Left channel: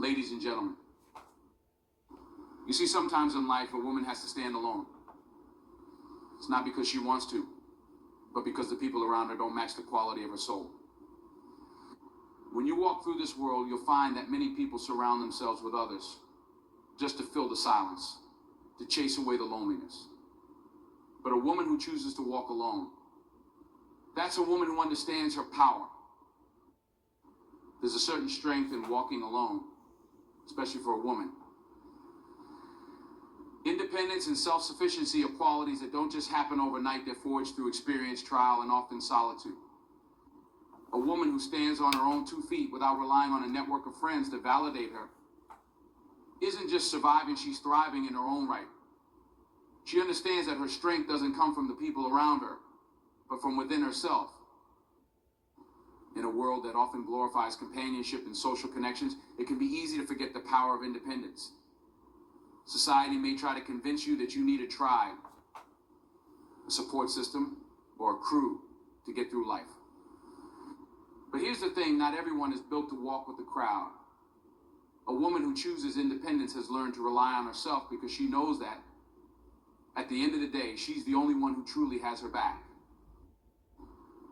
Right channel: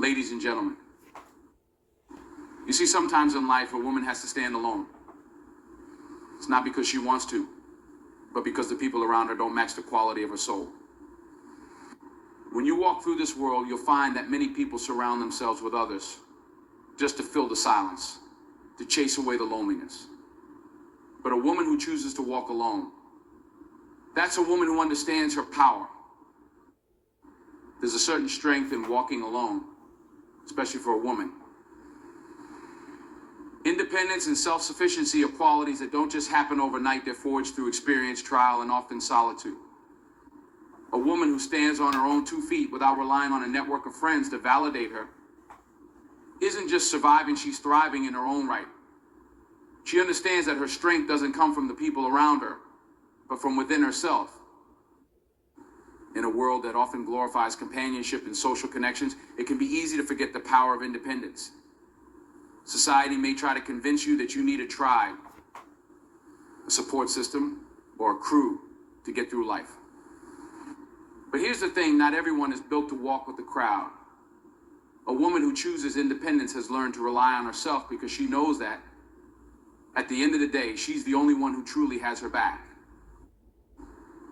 Ladies and gentlemen, you see, sometimes in life a woman has to stand alone. It's not because she wants to, but because the people around her don't match the quality of her soul. When you walk through this world, you'll find that many people surround themselves with others just to fill the silence, to chase away the loneliness. But a woman who chooses to walk alone, that's a woman who understands her power. There's a certain strength in walking alone, especially for a woman. Independence and self-sufficiency are qualities that don't just happen overnight. They're forged through experience, trial, and often solitude. A woman who stands on her own 2 feet without relying on a network of friends to validate her isn't just surviving, she's thriving in her own right. She understands that her strength doesn't come from the people around her, but from within herself. In a world that often glorifies companionship and social connections, it can be easy to forget the power of independence. Society may try to convince you that you need a tribe, a support system, or a crew to get through life. But here's the thing, not everyone is built to walk with the crowd. A woman who chooses independence has learned to rely on herself because she knows that, at the end of the day, she's the only one who truly has her back.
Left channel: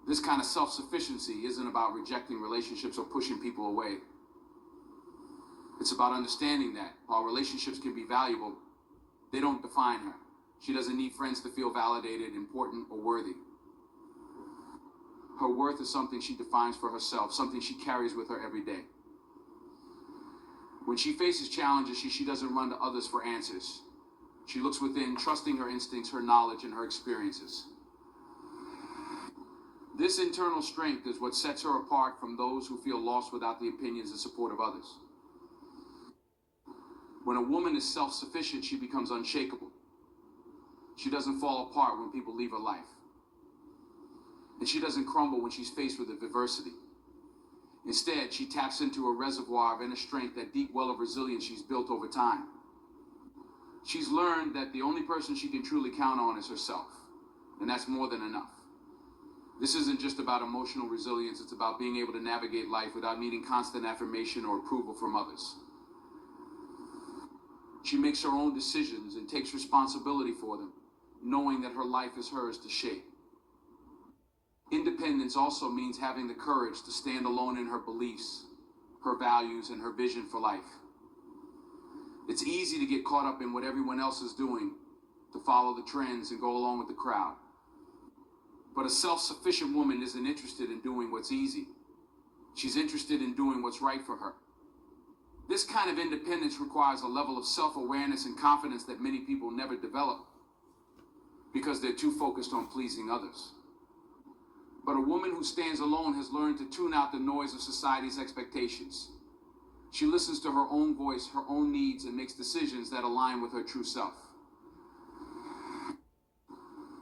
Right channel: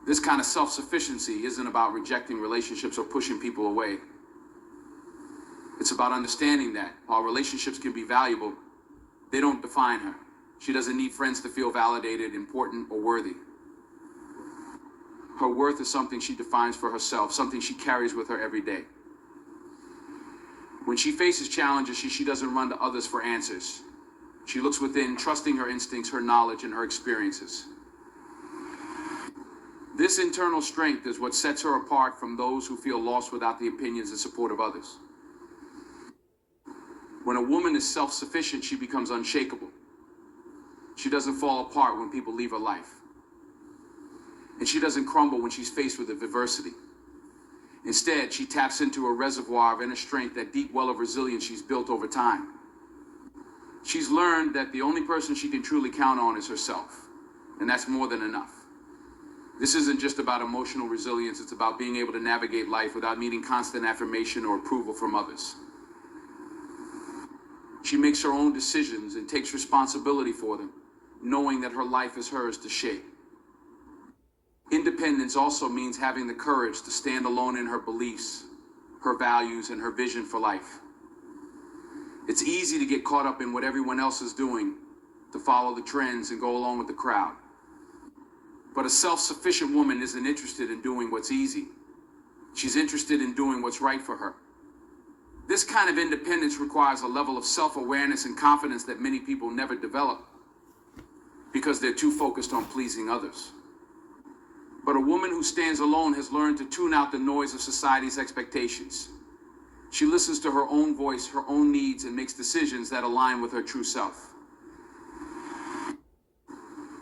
This kind of self-sufficiency isn't about rejecting relationships or pushing people away. It's about understanding that while relationships can be valuable, they don't define her. She doesn't need friends to feel validated, important, or worthy. Her worth is something she defines for herself, something she carries with her every day. When she faces challenges, she doesn't run to others for answers. She looks within, trusting her instincts, her knowledge, and her experiences. This internal strength is what sets her apart from those who feel lost without the opinions and support of others. When a woman is self-sufficient, she becomes unshakable. She doesn't fall apart when people leave her life. And she doesn't crumble when she's faced with adversity. Instead, she taps into a reservoir of inner strength, that deep well of resilience she's built over time. She's learned that the only person she can truly count on is herself, and that's more than enough. This isn't just about emotional resilience, it's about being able to navigate life without needing constant affirmation or approval from others. She makes her own decisions and takes responsibility for them, knowing that her life is hers to shape. Independence also means having the courage to stand alone in her beliefs, her values, and her vision for life. It's easy to get caught up in what everyone else is doing, to follow the trends and go along with the crowd. But a self-sufficient woman isn't interested in doing what's easy. She's interested in doing what's right for her. This kind of independence requires a level of self-awareness and confidence that many people never develop because they're too focused on pleasing others. But a woman who stands alone has learned to tune out the noise of society's expectations. She listens to her own voice, her own needs, and makes decisions that align with her true self.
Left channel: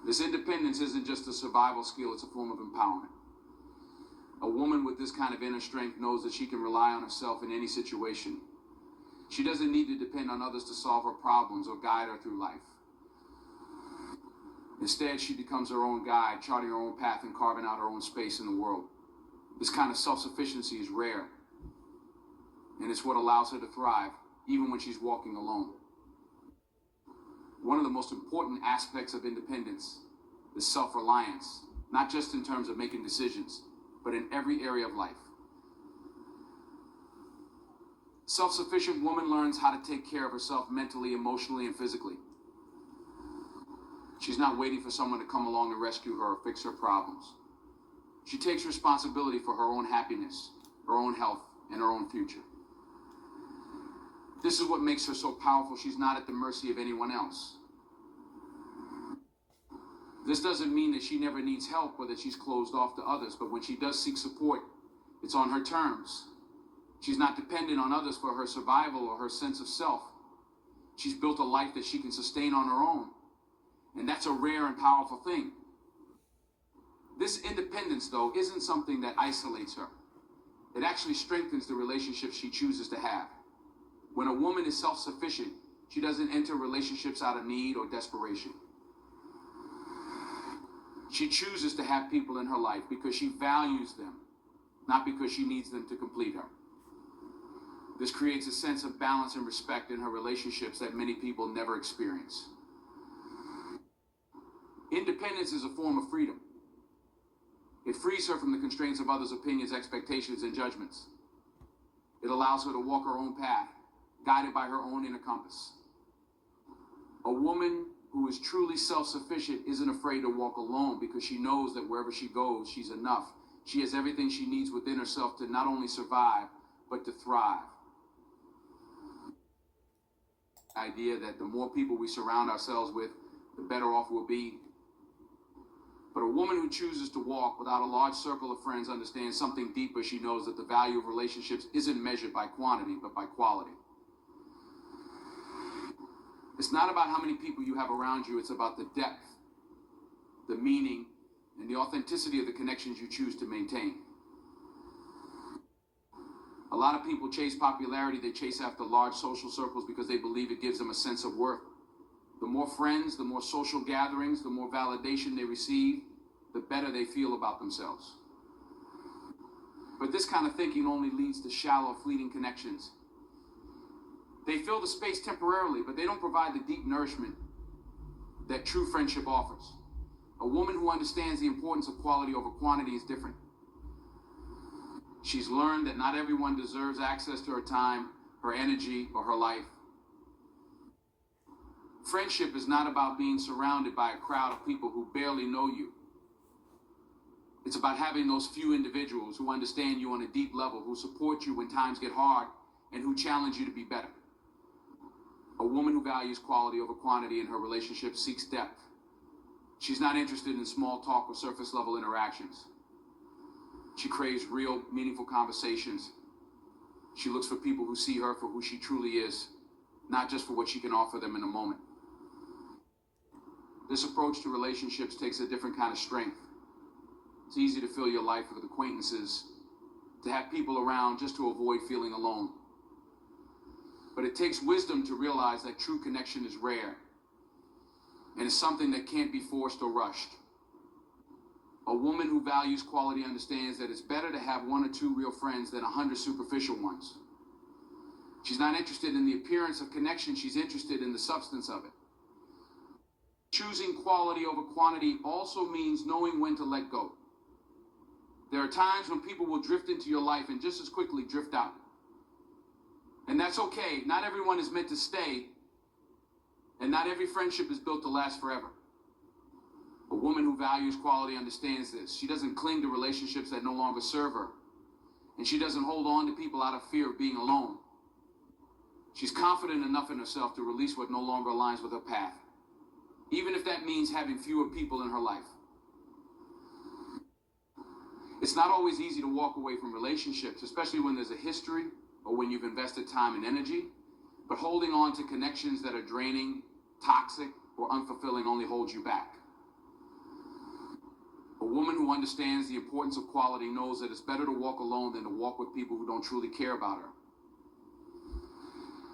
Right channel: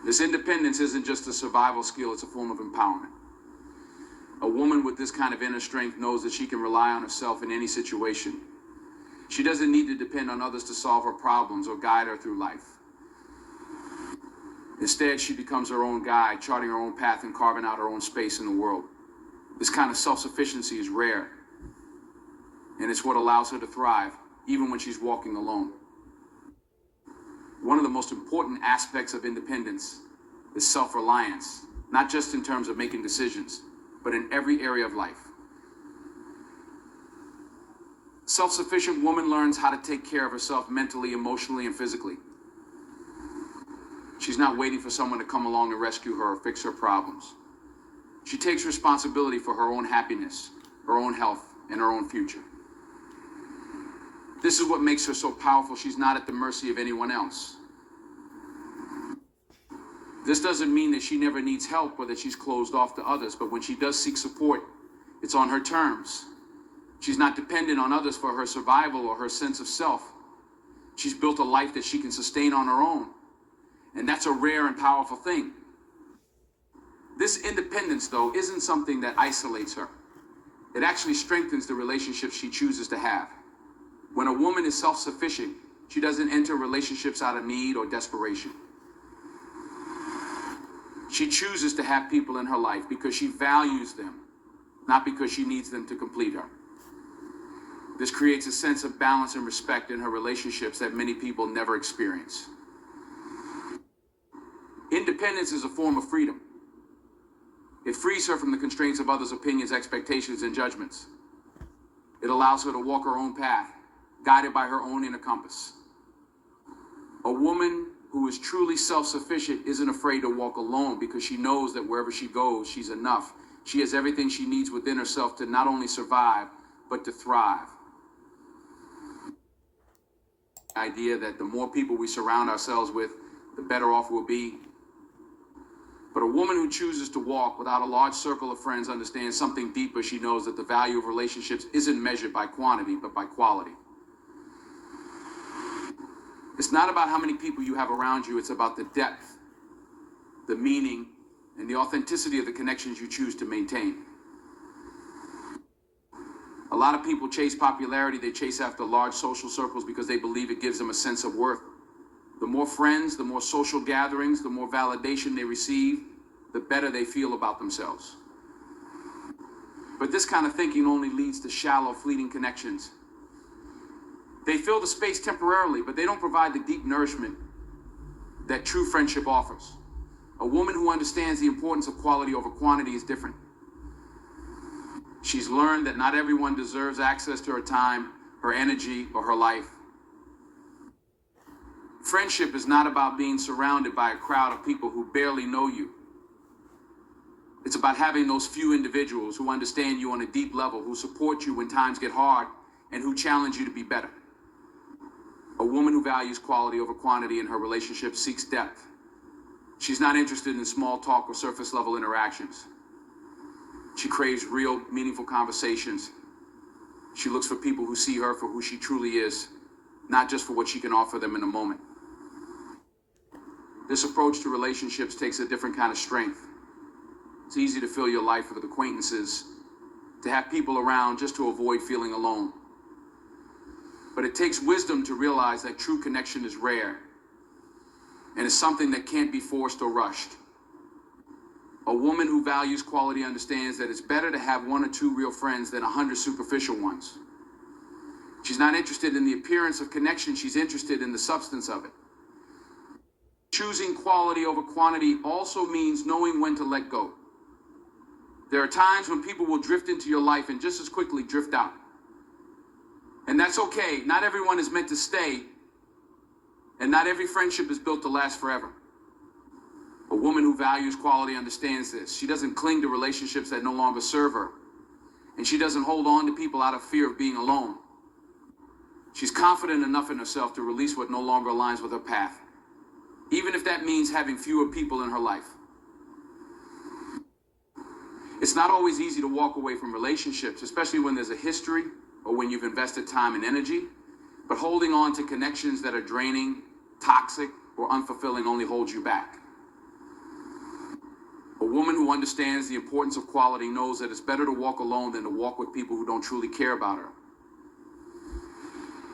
This independence isn't just a survival skill, it's a form of empowerment. A woman with this kind of inner strength knows that she can rely on herself in any situation. She doesn't need to depend on others to solve her problems or guide her through life. Instead, she becomes her own guide, charting her own path and carving out her own space in the world. This kind of self-sufficiency is rare, and it's what allows her to thrive, even when she's walking alone. One of the most important aspects of independence is self-reliance, not just in terms of making decisions, but in every area of life. A self-sufficient woman learns how to take care of herself mentally, emotionally, and physically. She's not waiting for someone to come along and rescue her or fix her problems. She takes responsibility for her own happiness, her own health, and her own future. This is what makes her so powerful. She's not at the mercy of anyone else. This doesn't mean that she never needs help or that she's closed off to others, but when she does seek support, it's on her terms. She's not dependent on others for her survival or her sense of self. She's built a life that she can sustain on her own. And that's a rare and powerful thing. This independence, though, isn't something that isolates her. It actually strengthens the relationships she chooses to have. When a woman is self-sufficient, she doesn't enter relationships out of need or desperation. She chooses to have people in her life because she values them, not because she needs them to complete her. This creates a sense of balance and respect in her relationships that many people never experience. Independence is a form of freedom. It frees her from the constraints of others' opinions, expectations, and judgments. It allows her to walk her own path, guided by her own inner compass. A woman who is truly self-sufficient isn't afraid to walk alone because she knows that wherever she goes, she's enough. She has everything she needs within herself to not only survive, but to thrive. The idea that the more people we surround ourselves with, the better off we'll be. But a woman who chooses to walk without a large circle of friends understands something deeper. She knows that the value of relationships isn't measured by quantity, but by quality. It's not about how many people you have around you, it's about the depth, the meaning, and the authenticity of the connections you choose to maintain. A lot of people chase popularity, they chase after large social circles because they believe it gives them a sense of worth. The more friends, the more social gatherings, the more validation they receive, the better they feel about themselves. But this kind of thinking only leads to shallow, fleeting connections. They fill the space temporarily, but they don't provide the deep nourishment that true friendship offers. A woman who understands the importance of quality over quantity is different. She's learned that not everyone deserves access to her time, her energy, or her life. Friendship is not about being surrounded by a crowd of people who barely know you. It's about having those few individuals who understand you on a deep level, who support you when times get hard, and who challenge you to be better. A woman who values quality over quantity in her relationship seeks depth. She's not interested in small talk or surface level interactions. She craves real, meaningful conversations. She looks for people who see her for who she truly is, not just for what she can offer them in a moment. This approach to relationships takes a different kind of strength. It's easy to fill your life with acquaintances, to have people around just to avoid feeling alone. But it takes wisdom to realize that true connection is rare, and it's something that can't be forced or rushed. A woman who values quality understands that it's better to have one or two real friends than 100 superficial ones. She's not interested in the appearance of connection, she's interested in the substance of it. Choosing quality over quantity also means knowing when to let go. There are times when people will drift into your life and just as quickly drift out. And that's okay. Not everyone is meant to stay, and not every friendship is built to last forever. A woman who values quality understands this. She doesn't cling to relationships that no longer serve her, and she doesn't hold on to people out of fear of being alone. She's confident enough in herself to release what no longer aligns with her path, even if that means having fewer people in her life. It's not always easy to walk away from relationships, especially when there's a history or when you've invested time and energy, but holding on to connections that are draining, toxic, or unfulfilling only holds you back. A woman who understands the importance of quality knows that it's better to walk alone than to walk with people who don't truly care about her.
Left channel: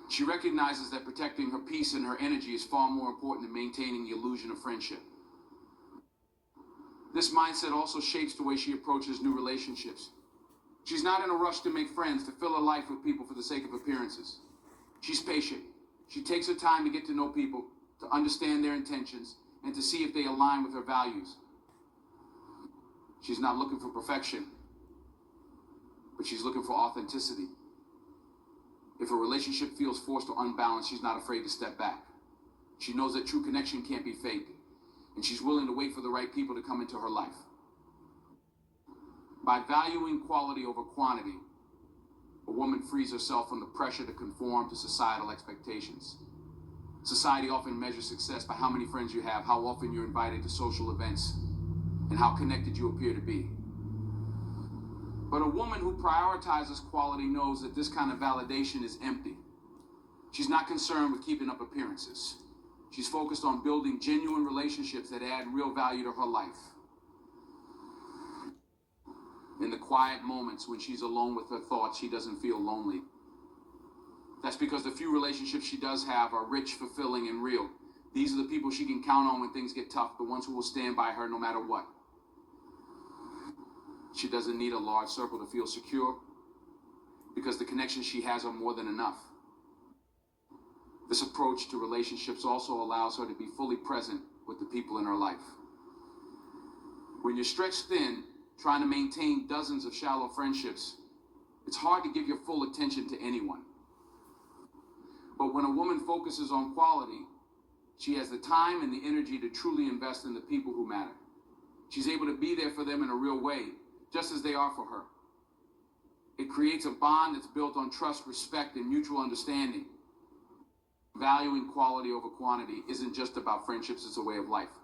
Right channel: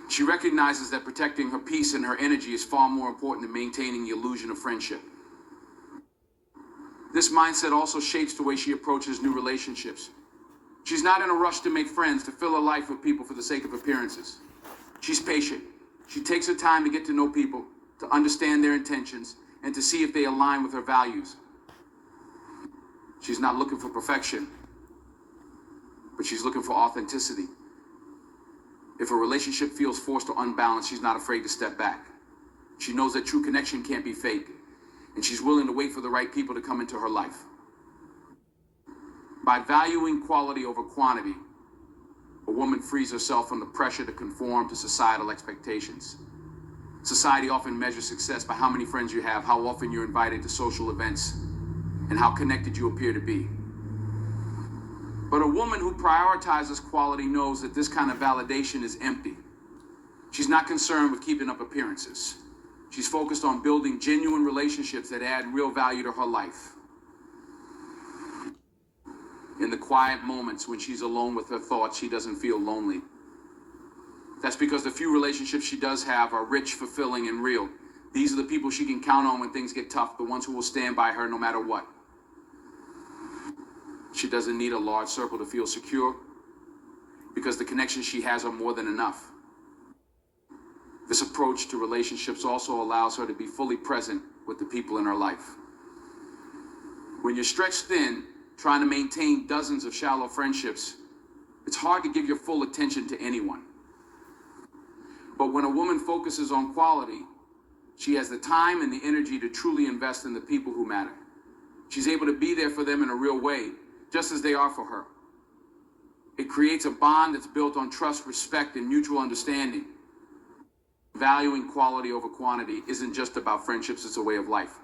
She recognizes that protecting her peace and her energy is far more important than maintaining the illusion of friendship. This mindset also shapes the way she approaches new relationships. She's not in a rush to make friends, to fill her life with people for the sake of appearances. She's patient. She takes her time to get to know people, to understand their intentions, and to see if they align with her values. She's not looking for perfection, but she's looking for authenticity. If a relationship feels forced or unbalanced, she's not afraid to step back. She knows that true connection can't be fake, and she's willing to wait for the right people to come into her life. By valuing quality over quantity, a woman frees herself from the pressure to conform to societal expectations. Society often measures success by how many friends you have, how often you're invited to social events, and how connected you appear to be. But a woman who prioritizes quality knows that this kind of validation is empty. She's not concerned with keeping up appearances. She's focused on building genuine relationships that add real value to her life. In the quiet moments when she's alone with her thoughts, she doesn't feel lonely. That's because the few relationships she does have are rich, fulfilling, and real. These are the people she can count on when things get tough, the ones who will stand by her no matter what. She doesn't need a large circle to feel secure. because the connections she has are more than enough. This approach to relationships also allows her to be fully present with the people in her life. When you're stretched thin, trying to maintain dozens of shallow friendships, it's hard to give your full attention to anyone. But when a woman focuses on quality, she has the time and the energy to truly invest in the people who matter. She's able to be there for them in a real way, just as they are for her. It creates a bond that's built on trust, respect, and mutual understanding. Valuing quality over quantity isn't just about friendships, it's a way of life.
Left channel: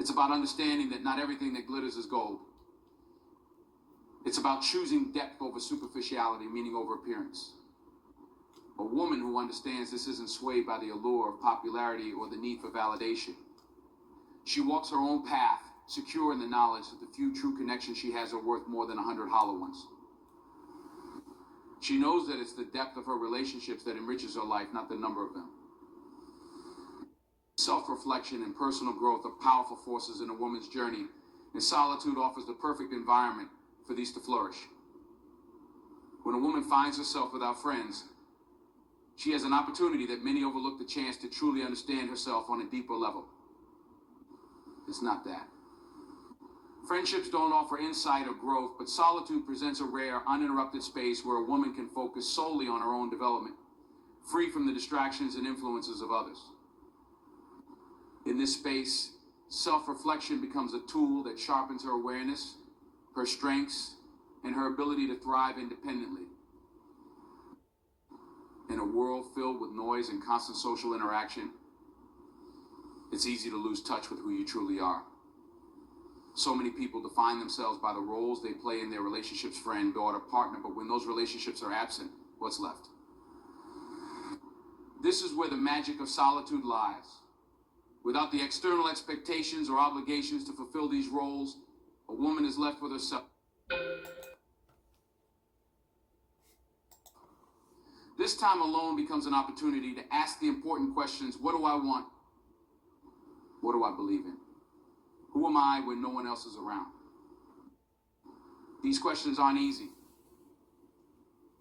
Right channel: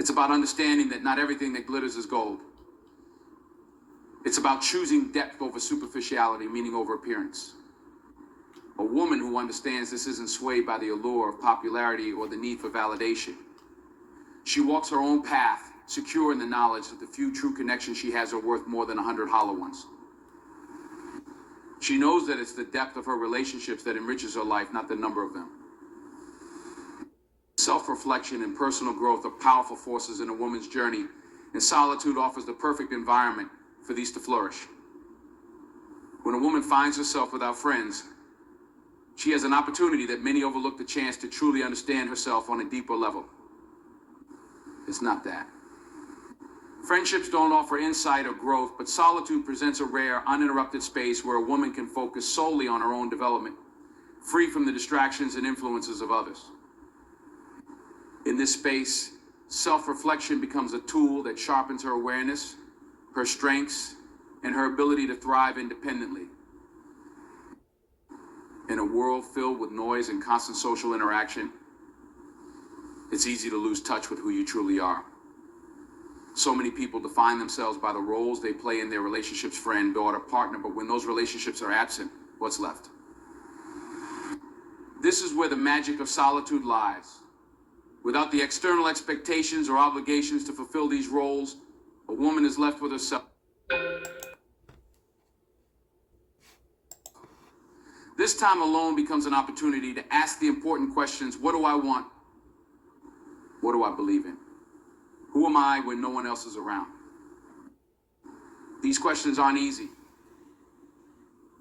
It's about understanding that not everything that glitters is gold. It's about choosing depth over superficiality, meaning over appearance. A woman who understands this isn't swayed by the allure of popularity or the need for validation. She walks her own path, secure in the knowledge that the few true connections she has are worth more than 100 hollow ones. She knows that it's the depth of her relationships that enriches her life, not the number of them. Self-reflection and personal growth are powerful forces in a woman's journey, and solitude offers the perfect environment for these to flourish. When a woman finds herself without friends, she has an opportunity that many overlook the chance to truly understand herself on a deeper level. It's not that. Friendships don't offer insight or growth, but solitude presents a rare, uninterrupted space where a woman can focus solely on her own development, free from the distractions and influences of others. In this space, self-reflection becomes a tool that sharpens her awareness, her strengths, and her ability to thrive independently. In a world filled with noise and constant social interaction, it's easy to lose touch with who you truly are. So many people define themselves by the roles they play in their relationships, friend, daughter, partner, but when those relationships are absent, what's left? This is where the magic of solitude lies. Without the external expectations or obligations to fulfill these roles, a woman is left with herself. This time alone becomes an opportunity to ask the important questions: what do I want? What do I believe in? Who am I when no one else is around? These questions aren't easy,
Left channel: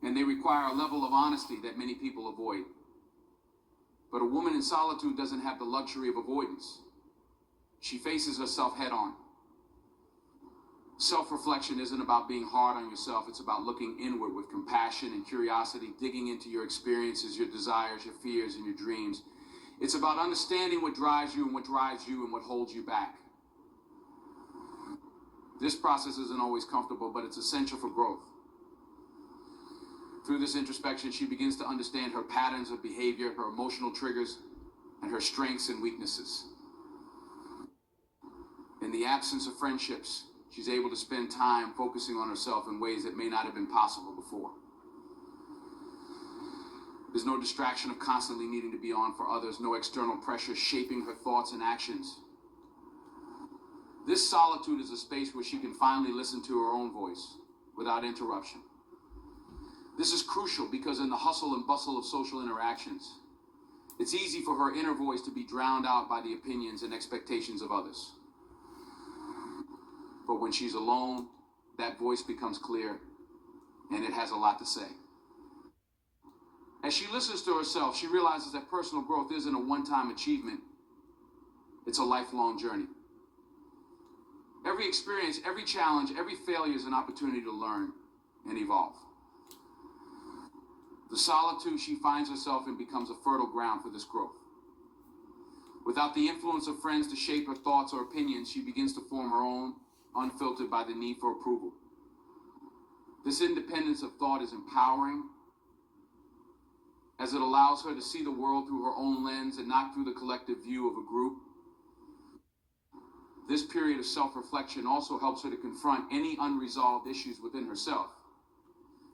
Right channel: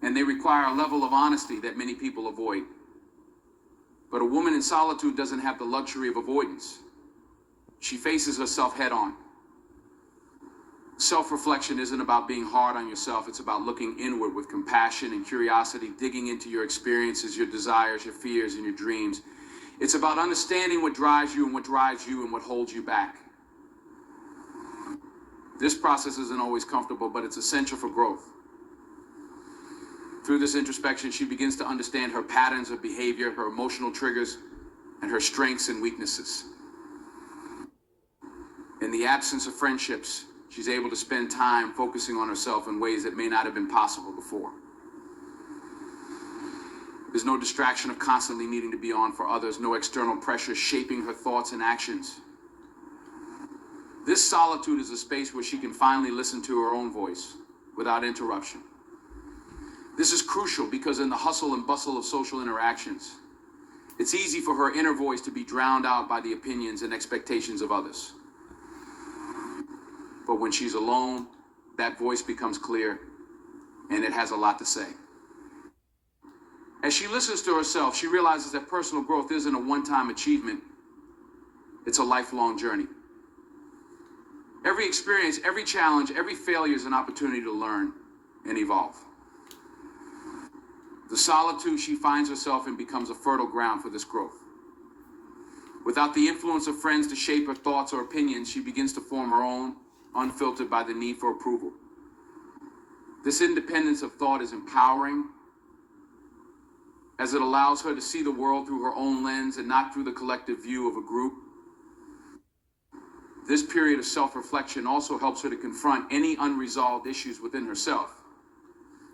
and they require a level of honesty that many people avoid. But a woman in solitude doesn't have the luxury of avoidance. She faces herself head on. Self-reflection isn't about being hard on yourself. It's about looking inward with compassion and curiosity, digging into your experiences, your desires, your fears, and your dreams. It's about understanding what drives you and what drives you and what holds you back. This process isn't always comfortable, but it's essential for growth. Through this introspection, she begins to understand her patterns of behavior, her emotional triggers, and her strengths and weaknesses. In the absence of friendships, she's able to spend time focusing on herself in ways that may not have been possible before. There's no distraction of constantly needing to be on for others, no external pressure shaping her thoughts and actions. This solitude is a space where she can finally listen to her own voice without interruption. This is crucial because in the hustle and bustle of social interactions, it's easy for her inner voice to be drowned out by the opinions and expectations of others. But when she's alone, that voice becomes clear, and it has a lot to say. As she listens to herself, she realizes that personal growth isn't a one-time achievement. It's a lifelong journey. Every experience, every challenge, every failure is an opportunity to learn and evolve. The solitude she finds herself in becomes a fertile ground for this growth. Without the influence of friends to shape her thoughts or opinions, she begins to form her own, unfiltered by the need for approval. This independence of thought is empowering, as it allows her to see the world through her own lens and not through the collective view of a group. This period of self-reflection also helps her to confront any unresolved issues within herself.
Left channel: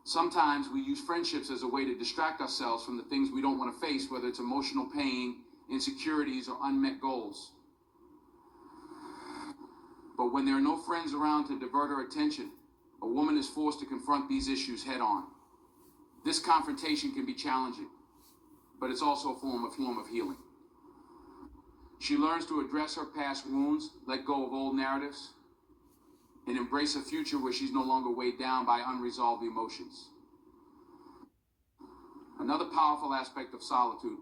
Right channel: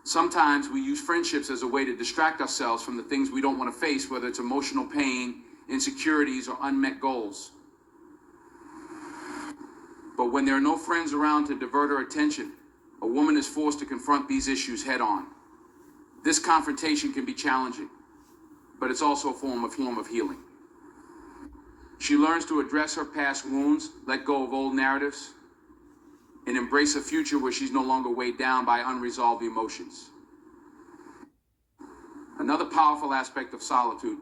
Sometimes we use friendships as a way to distract ourselves from the things we don't want to face, whether it's emotional pain, insecurities, or unmet goals. But when there are no friends around to divert her attention, a woman is forced to confront these issues head on. This confrontation can be challenging, but it's also a form of healing. She learns to address her past wounds, let go of old narratives, and embrace a future where she's no longer weighed down by unresolved emotions. Another powerful aspect of solitude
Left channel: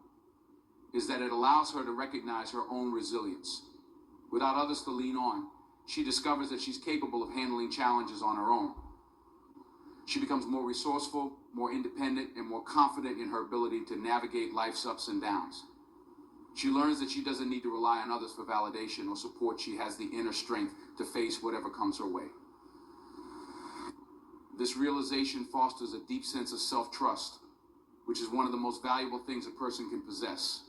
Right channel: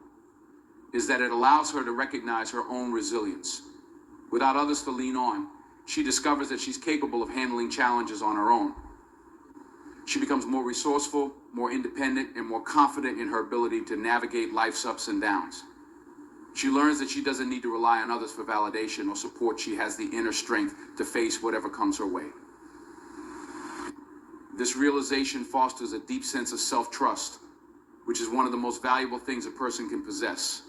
is that it allows her to recognize her own resilience. Without others to lean on, she discovers that she's capable of handling challenges on her own. She becomes more resourceful, more independent, and more confident in her ability to navigate life's ups and downs. She learns that she doesn't need to rely on others for validation or support. She has the inner strength to face whatever comes her way. This realization fosters a deep sense of self-trust, which is one of the most valuable things a person can possess.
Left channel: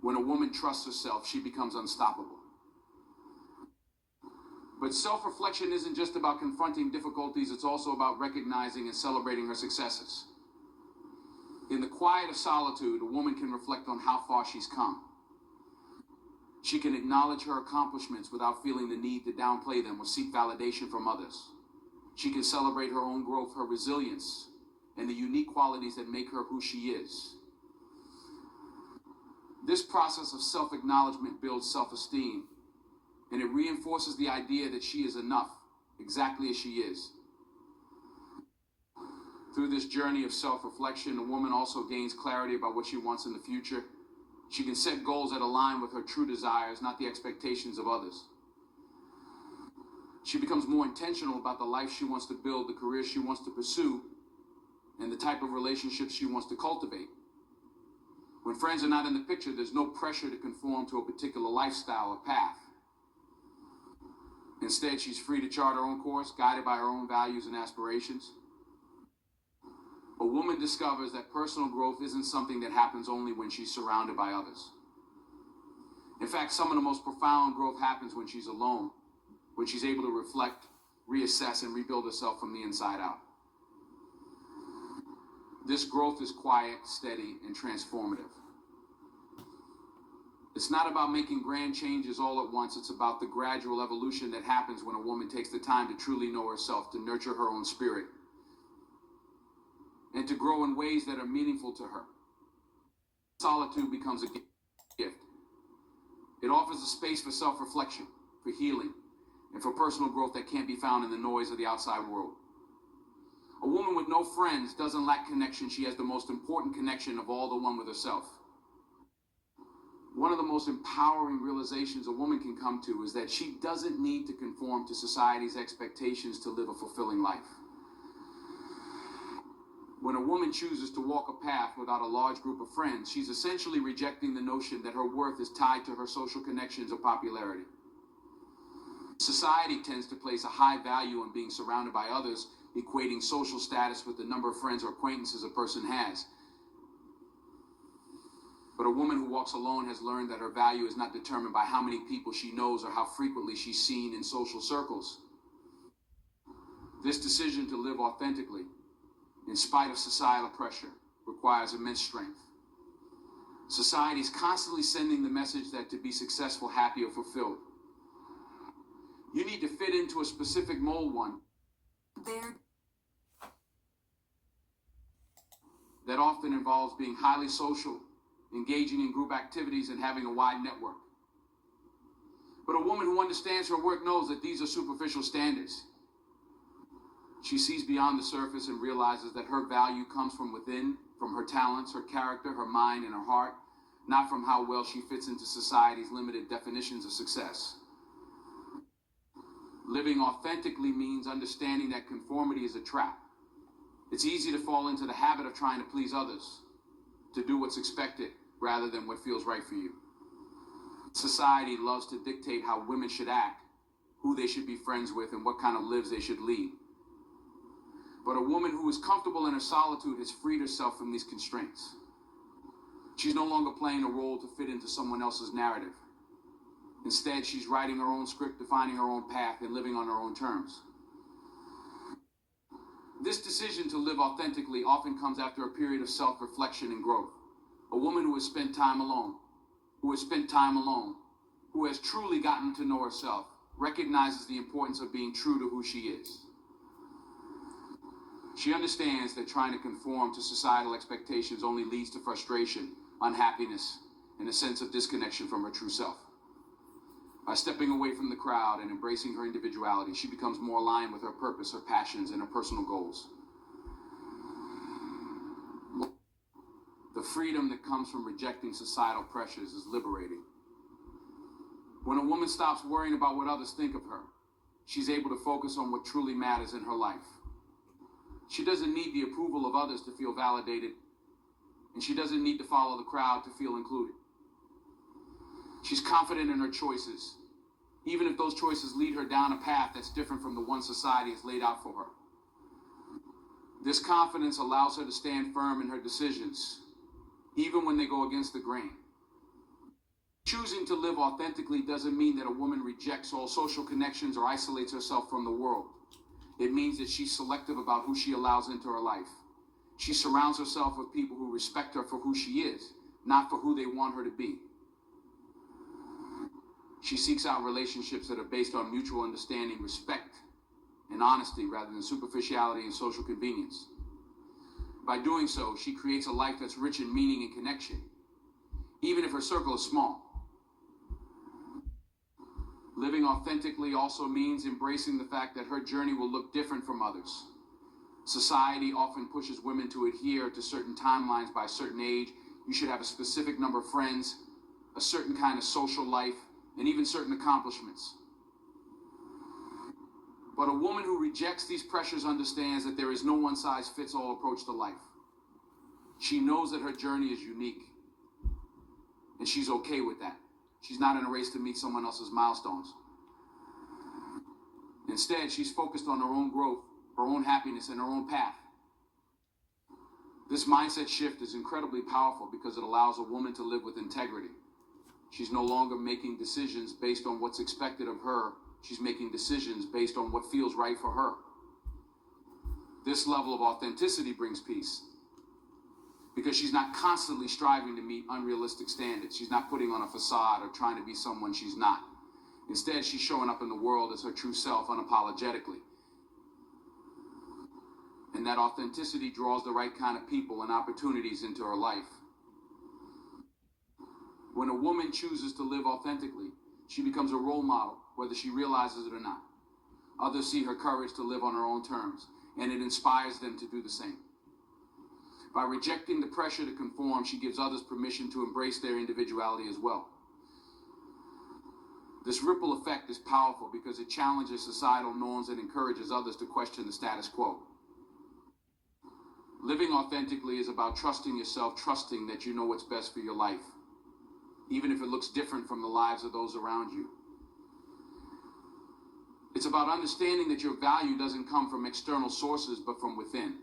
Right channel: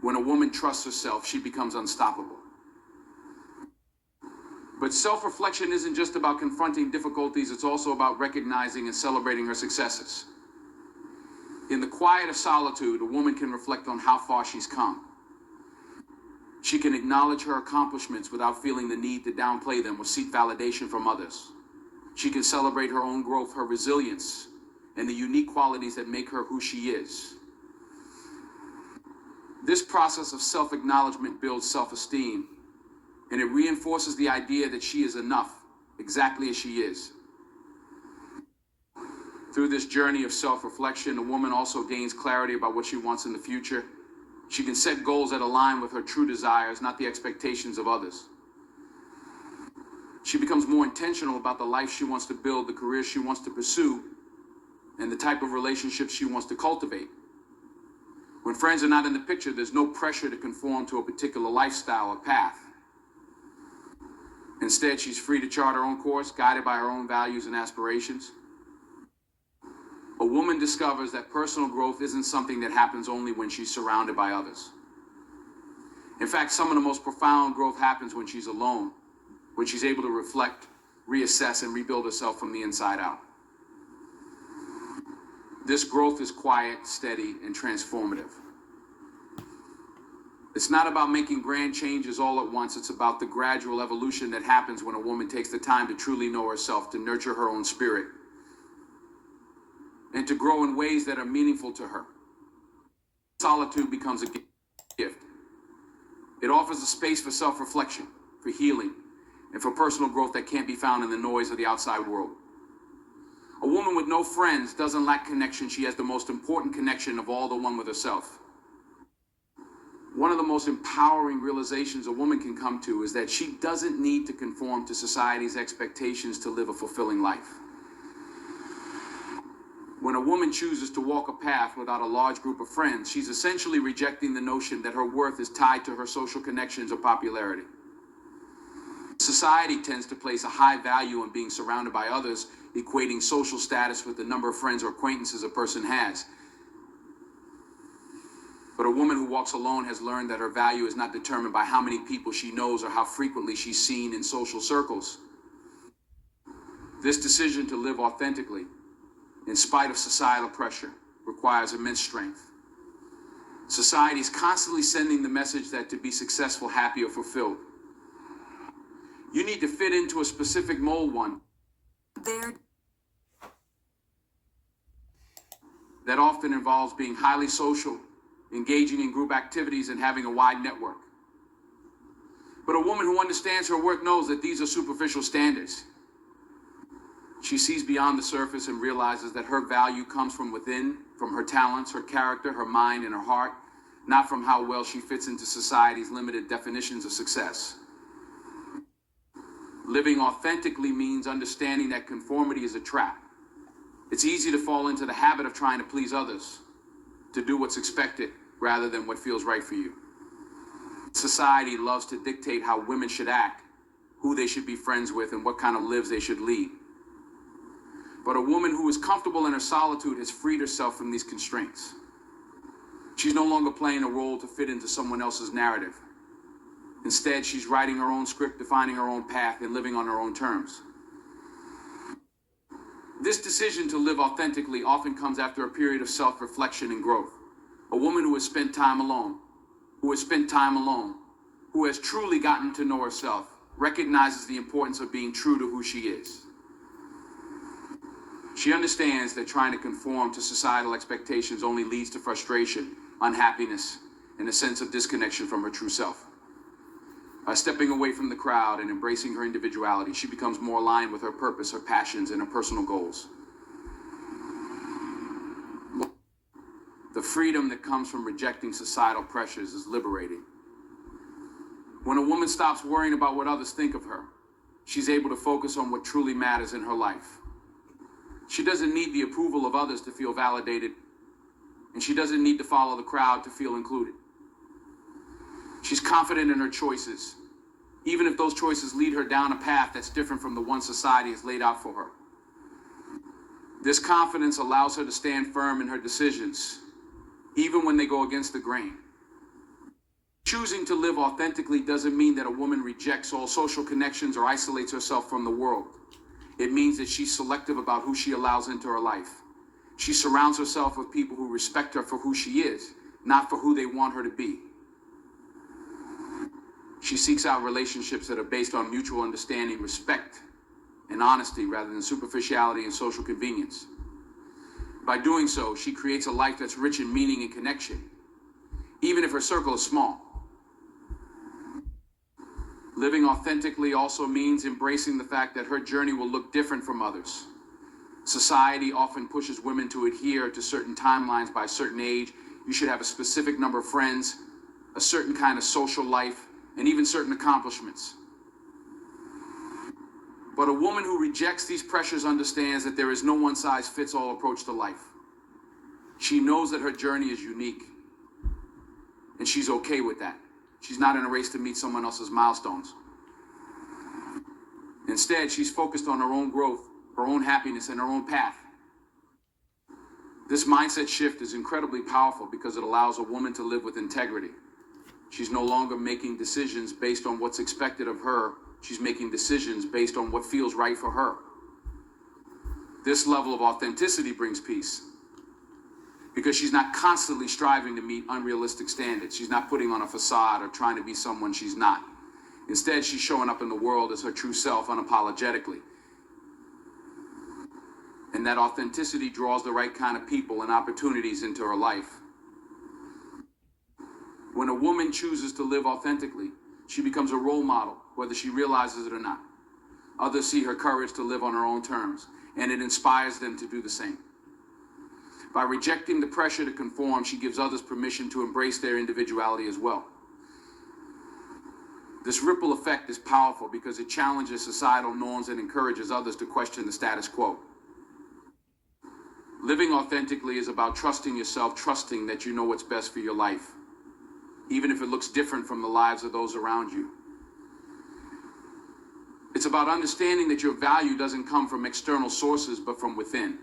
When a woman trusts herself, she becomes unstoppable. But self-reflection isn't just about confronting difficulties, it's also about recognizing and celebrating her successes. In the quiet of solitude, a woman can reflect on how far she's come. She can acknowledge her accomplishments without feeling the need to downplay them or seek validation from others. She can celebrate her own growth, her resilience, and the unique qualities that make her who she is. This process of self-acknowledgement builds self-esteem, and it reinforces the idea that she is enough, exactly as she is. Through this journey of self-reflection, a woman also gains clarity about what she wants in the future. She can set goals that align with her true desires, not the expectations of others. She becomes more intentional about the life she wants to build, the career she wants to pursue, and the type of relationships she wants to cultivate. When friends are not in the picture, there's no pressure to conform to a particular lifestyle or path. Instead, she's free to chart her own course, guided by her own values and aspirations. A woman discovers that personal growth isn't something that happens only when she's surrounded by others. In fact, some of the most profound growth happens when she's alone, when she's able to reflect, reassess, and rebuild herself from the inside out. This growth is quiet, steady, and transformative. It's not about making grand changes all at once. It's about the gradual evolution that happens when a woman takes the time to truly know herself, to nurture her own spirit, and to grow in ways that are meaningful to her. Solitude becomes a gift. It offers a space for self-reflection, for healing, and for personal growth that can't be found in the noise of the outside world. A woman with no friends doesn't lack connection. She has the most important connection of all, the one with herself. One of the most empowering realizations a woman can come to is that she doesn't need to conform to society's expectations to live a fulfilling life. When a woman chooses to walk a path without a large group of friends, she's essentially rejecting the notion that her worth is tied to her social connections or popularity. Society tends to place a high value on being surrounded by others, equating social status with the number of friends or acquaintances a person has. But a woman who walks alone has learned that her value is not determined by how many people she knows or how frequently she's seen in social circles. This decision to live authentically, in spite of societal pressure, requires immense strength. Society is constantly sending the message that to be successful, happy, or fulfilled, you need to fit into a specific mold, one that often involves being highly social, engaging in group activities, and having a wide network. But a woman who understands her worth knows that these are superficial standards. She sees beyond the surface and realizes that her value comes from within, from her talents, her character, her mind, and her heart, not from how well she fits into society's limited definitions of success. Living authentically means understanding that conformity is a trap. It's easy to fall into the habit of trying to please others, to do what's expected rather than what feels right for you. Society loves to dictate how women should act, who they should be friends with, and what kind of lives they should lead. But a woman who is comfortable in her solitude has freed herself from these constraints. She's no longer playing a role to fit into someone else's narrative. Instead, she's writing her own script, defining her own path, and living on her own terms. This decision to live authentically often comes after a period of self-reflection and growth. A woman who has spent time alone, who has truly gotten to know herself, recognizes the importance of being true to who she is. She understands that trying to conform to societal expectations only leads to frustration, unhappiness, and a sense of disconnection from her true self. By stepping away from the crowd and embracing her individuality, she becomes more aligned with her purpose, her passions, and her personal goals. The freedom that comes from rejecting societal pressures is liberating. When a woman stops worrying about what others think of her, she's able to focus on what truly matters in her life. She doesn't need the approval of others to feel validated, and she doesn't need to follow the crowd to feel included. She's confident in her choices, even if those choices lead her down a path that's different from the one society has laid out for her. This confidence allows her to stand firm in her decisions, even when they go against the grain. Choosing to live authentically doesn't mean that a woman rejects all social connections or isolates herself from the world. It means that she's selective about who she allows into her life. She surrounds herself with people who respect her for who she is, not for who they want her to be. She seeks out relationships that are based on mutual understanding, respect, and honesty rather than superficiality and social convenience. By doing so, she creates a life that's rich in meaning and connection, even if her circle is small. Living authentically also means embracing the fact that her journey will look different from others. Society often pushes women to adhere to certain timelines. By a certain age, you should have a specific number of friends, a certain kind of social life, and even certain accomplishments. But a woman who rejects these pressures understands that there is no one-size-fits-all approach to life. She knows that her journey is unique, and she's okay with that. She's not in a race to meet someone else's milestones. Instead, she's focused on her own growth, her own happiness, and her own path. This mindset shift is incredibly powerful because it allows a woman to live with integrity. She's no longer making decisions based on what's expected of her. She's making decisions based on what feels right for her. This level of authenticity brings peace because she's not constantly striving to meet unrealistic standards. She's not putting on a facade or trying to be someone she's not. Instead, she's showing up in the world as her true self unapologetically. And that authenticity draws the right kind of people and opportunities into her life. When a woman chooses to live authentically, she becomes a role model, whether she realizes it or not. Others see her courage to live on her own terms, and it inspires them to do the same. By rejecting the pressure to conform, she gives others permission to embrace their individuality as well. This ripple effect is powerful because it challenges societal norms and encourages others to question the status quo. Living authentically is about trusting yourself, trusting that you know what's best for your life, even if it looks different from the lives of those around you. It's about understanding that your value doesn't come from external sources, but from within.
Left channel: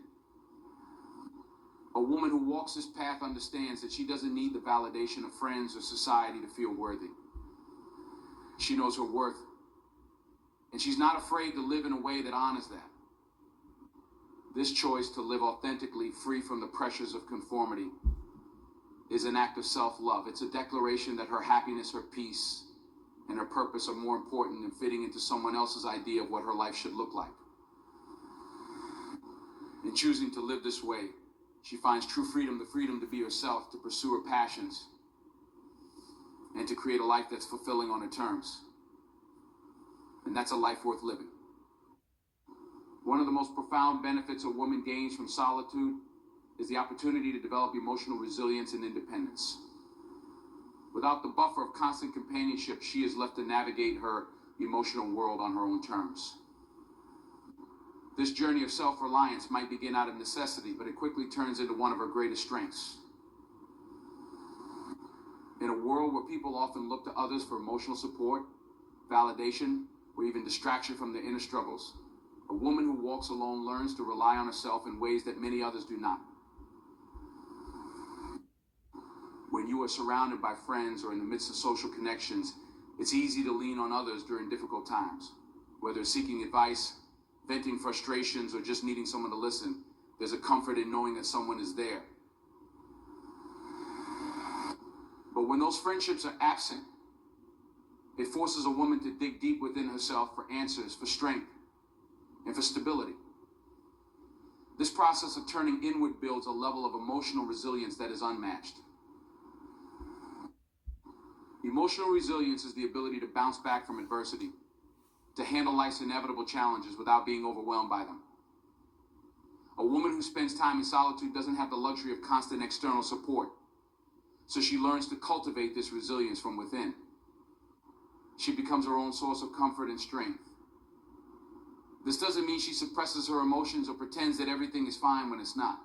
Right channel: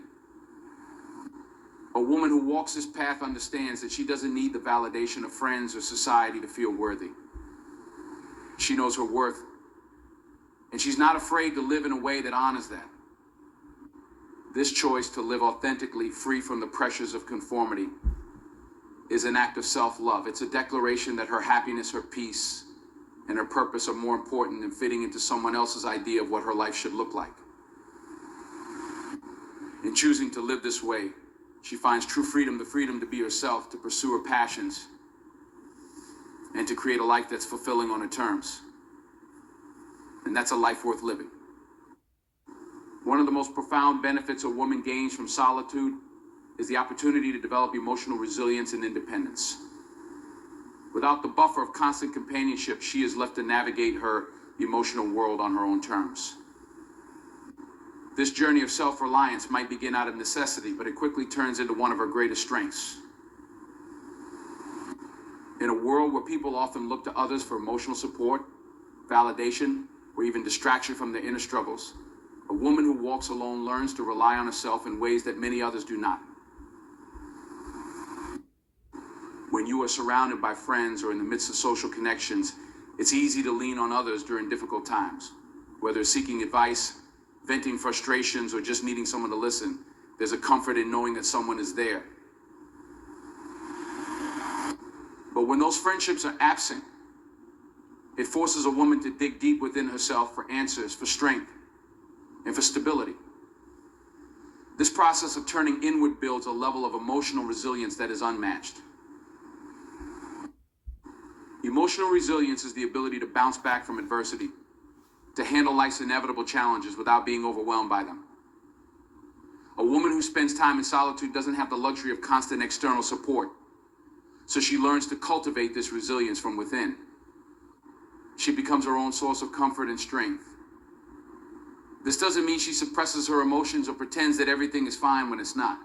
A woman who walks this path understands that she doesn't need the validation of friends or society to feel worthy. She knows her worth, and she's not afraid to live in a way that honors that. This choice to live authentically, free from the pressures of conformity, is an act of self-love. It's a declaration that her happiness, her peace, and her purpose are more important than fitting into someone else's idea of what her life should look like. In choosing to live this way, she finds true freedom, the freedom to be herself, to pursue her passions, and to create a life that's fulfilling on her terms. And that's a life worth living. One of the most profound benefits a woman gains from solitude is the opportunity to develop emotional resilience and independence. Without the buffer of constant companionship, she is left to navigate her emotional world on her own terms. This journey of self-reliance might begin out of necessity, but it quickly turns into one of her greatest strengths. In a world where people often look to others for emotional support, validation, or even distraction from their inner struggles, a woman who walks alone learns to rely on herself in ways that many others do not. When you are surrounded by friends or in the midst of social connections, it's easy to lean on others during difficult times. Whether seeking advice, venting frustrations, or just needing someone to listen, there's a comfort in knowing that someone is there. But when those friendships are absent, it forces a woman to dig deep within herself for answers, for strength, and for stability. This process of turning inward builds a level of emotional resilience that is unmatched. Emotional resilience is the ability to bounce back from adversity, to handle life's inevitable challenges without being overwhelmed by them. A woman who spends time in solitude doesn't have the luxury of constant external support, so she learns to cultivate this resilience from within. She becomes her own source of comfort and strength. This doesn't mean she suppresses her emotions or pretends that everything is fine when it's not.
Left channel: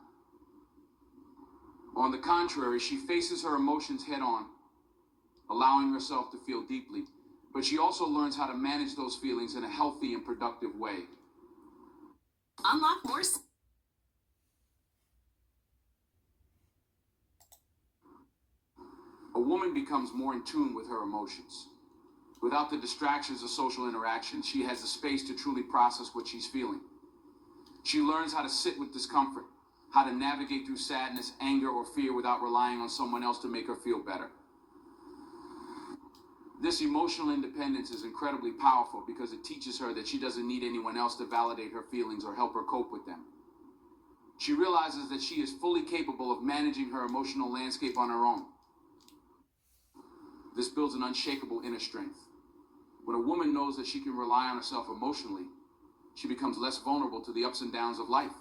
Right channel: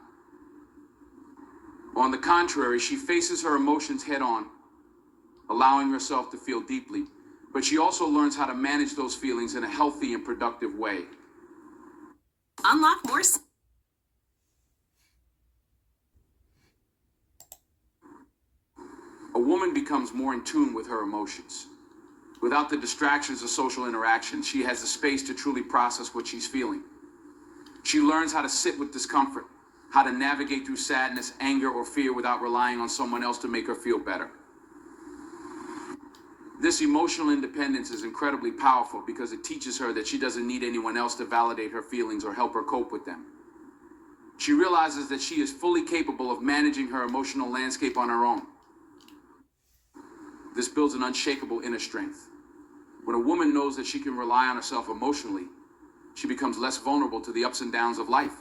On the contrary, she faces her emotions head on, allowing herself to feel deeply, but she also learns how to manage those feelings in a healthy and productive way. Unlock more. A woman becomes more in tune with her emotions. Without the distractions of social interaction, she has the space to truly process what she's feeling. She learns how to sit with discomfort, how to navigate through sadness, anger, or fear without relying on someone else to make her feel better. This emotional independence is incredibly powerful because it teaches her that she doesn't need anyone else to validate her feelings or help her cope with them. She realizes that she is fully capable of managing her emotional landscape on her own. This builds an unshakable inner strength. When a woman knows that she can rely on herself emotionally, she becomes less vulnerable to the ups and downs of life.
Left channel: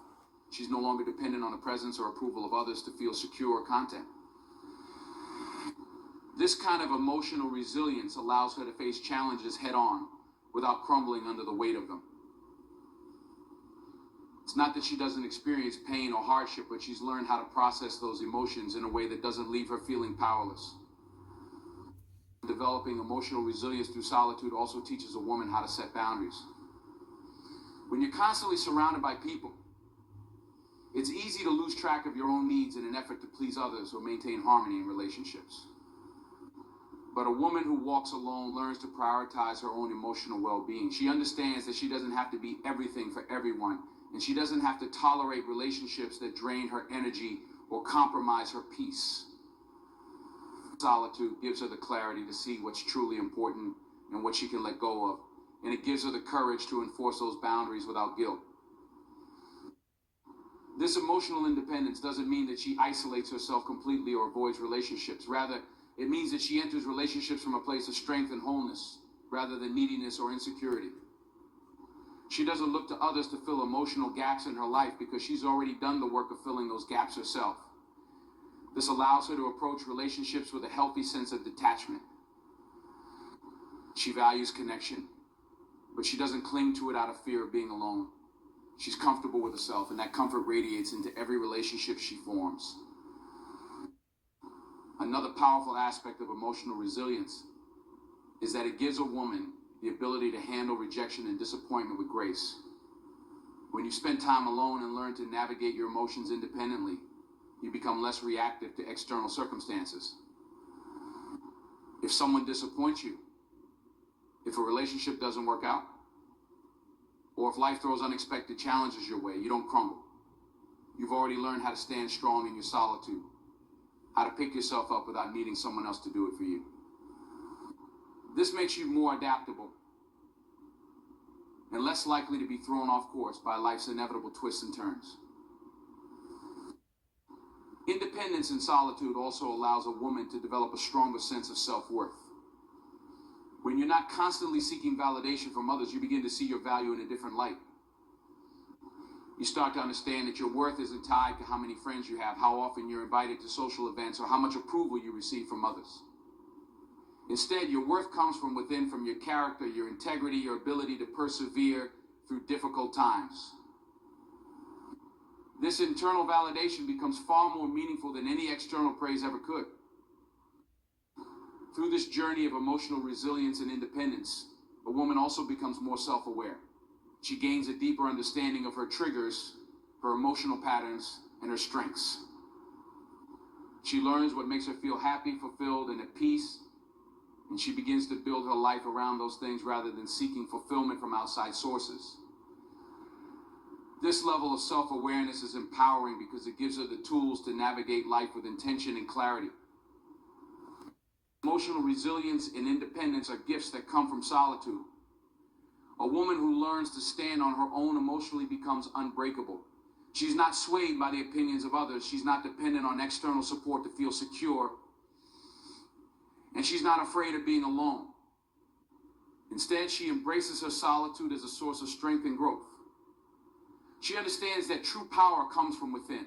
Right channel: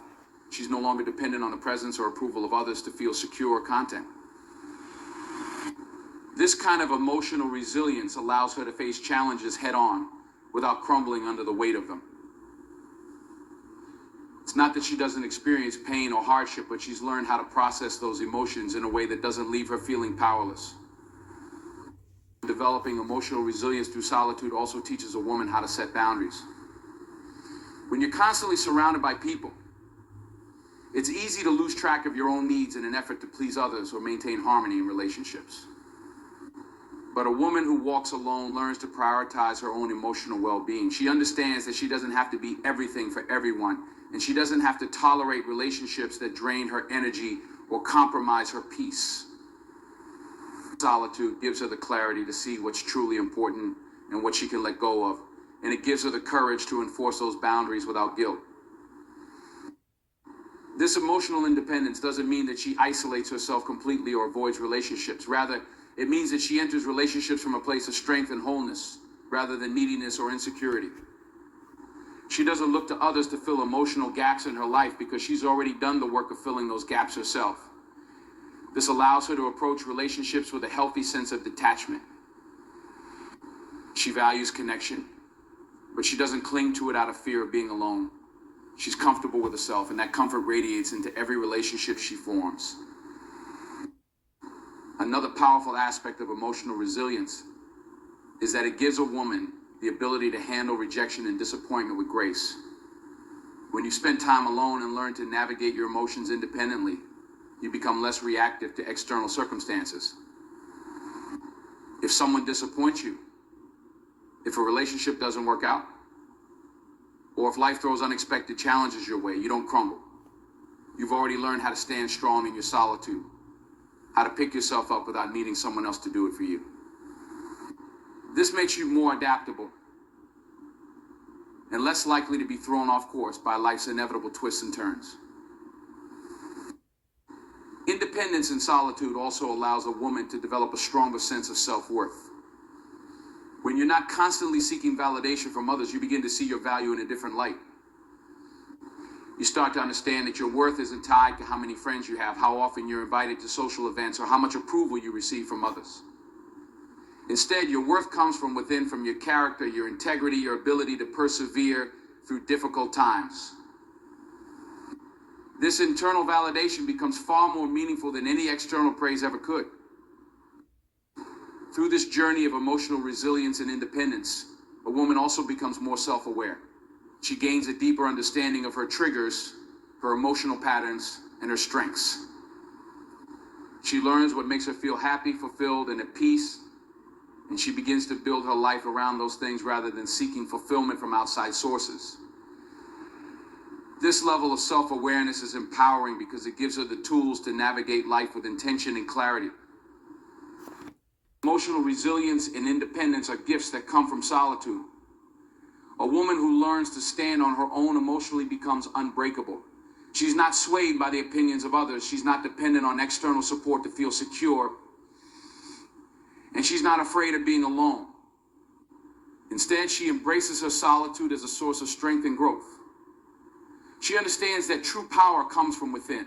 She's no longer dependent on the presence or approval of others to feel secure or content. This kind of emotional resilience allows her to face challenges head on without crumbling under the weight of them. It's not that she doesn't experience pain or hardship, but she's learned how to process those emotions in a way that doesn't leave her feeling powerless. Developing emotional resilience through solitude also teaches a woman how to set boundaries. When you're constantly surrounded by people, it's easy to lose track of your own needs in an effort to please others or maintain harmony in relationships. But a woman who walks alone learns to prioritize her own emotional well-being. She understands that she doesn't have to be everything for everyone, and she doesn't have to tolerate relationships that drain her energy or compromise her peace. Solitude gives her the clarity to see what's truly important and what she can let go of, and it gives her the courage to enforce those boundaries without guilt. This emotional independence doesn't mean that she isolates herself completely or avoids relationships. Rather, it means that she enters relationships from a place of strength and wholeness, rather than neediness or insecurity. She doesn't look to others to fill emotional gaps in her life because she's already done the work of filling those gaps herself. This allows her to approach relationships with a healthy sense of detachment. She values connection, but she doesn't cling to it out of fear of being alone. She's comfortable with herself, and that comfort radiates into every relationship she forms. Another powerful aspect of emotional resilience is that it gives a woman the ability to handle rejection and disappointment with grace. When you spend time alone and learn to navigate your emotions independently, you become less reactive to external circumstances. If someone disappoints you, if a relationship doesn't work out, or if life throws unexpected challenges your way, you don't crumble. You've already learned how to stand strong in your solitude, how to pick yourself up without needing someone else to do it for you. This makes you more adaptable and less likely to be thrown off course by life's inevitable twists and turns. Independence and solitude also allows a woman to develop a stronger sense of self-worth. When you're not constantly seeking validation from others, you begin to see your value in a different light. You start to understand that your worth isn't tied to how many friends you have, how often you're invited to social events, or how much approval you receive from others. Instead, your worth comes from within, from your character, your integrity, your ability to persevere through difficult times. This internal validation becomes far more meaningful than any external praise ever could. Through this journey of emotional resilience and independence, a woman also becomes more self-aware. She gains a deeper understanding of her triggers, her emotional patterns, and her strengths. She learns what makes her feel happy, fulfilled, and at peace, and she begins to build her life around those things rather than seeking fulfillment from outside sources. This level of self-awareness is empowering because it gives her the tools to navigate life with intention and clarity. Emotional resilience and independence are gifts that come from solitude. A woman who learns to stand on her own emotionally becomes unbreakable. She's not swayed by the opinions of others. She's not dependent on external support to feel secure. And she's not afraid of being alone. Instead, she embraces her solitude as a source of strength and growth. She understands that true power comes from within.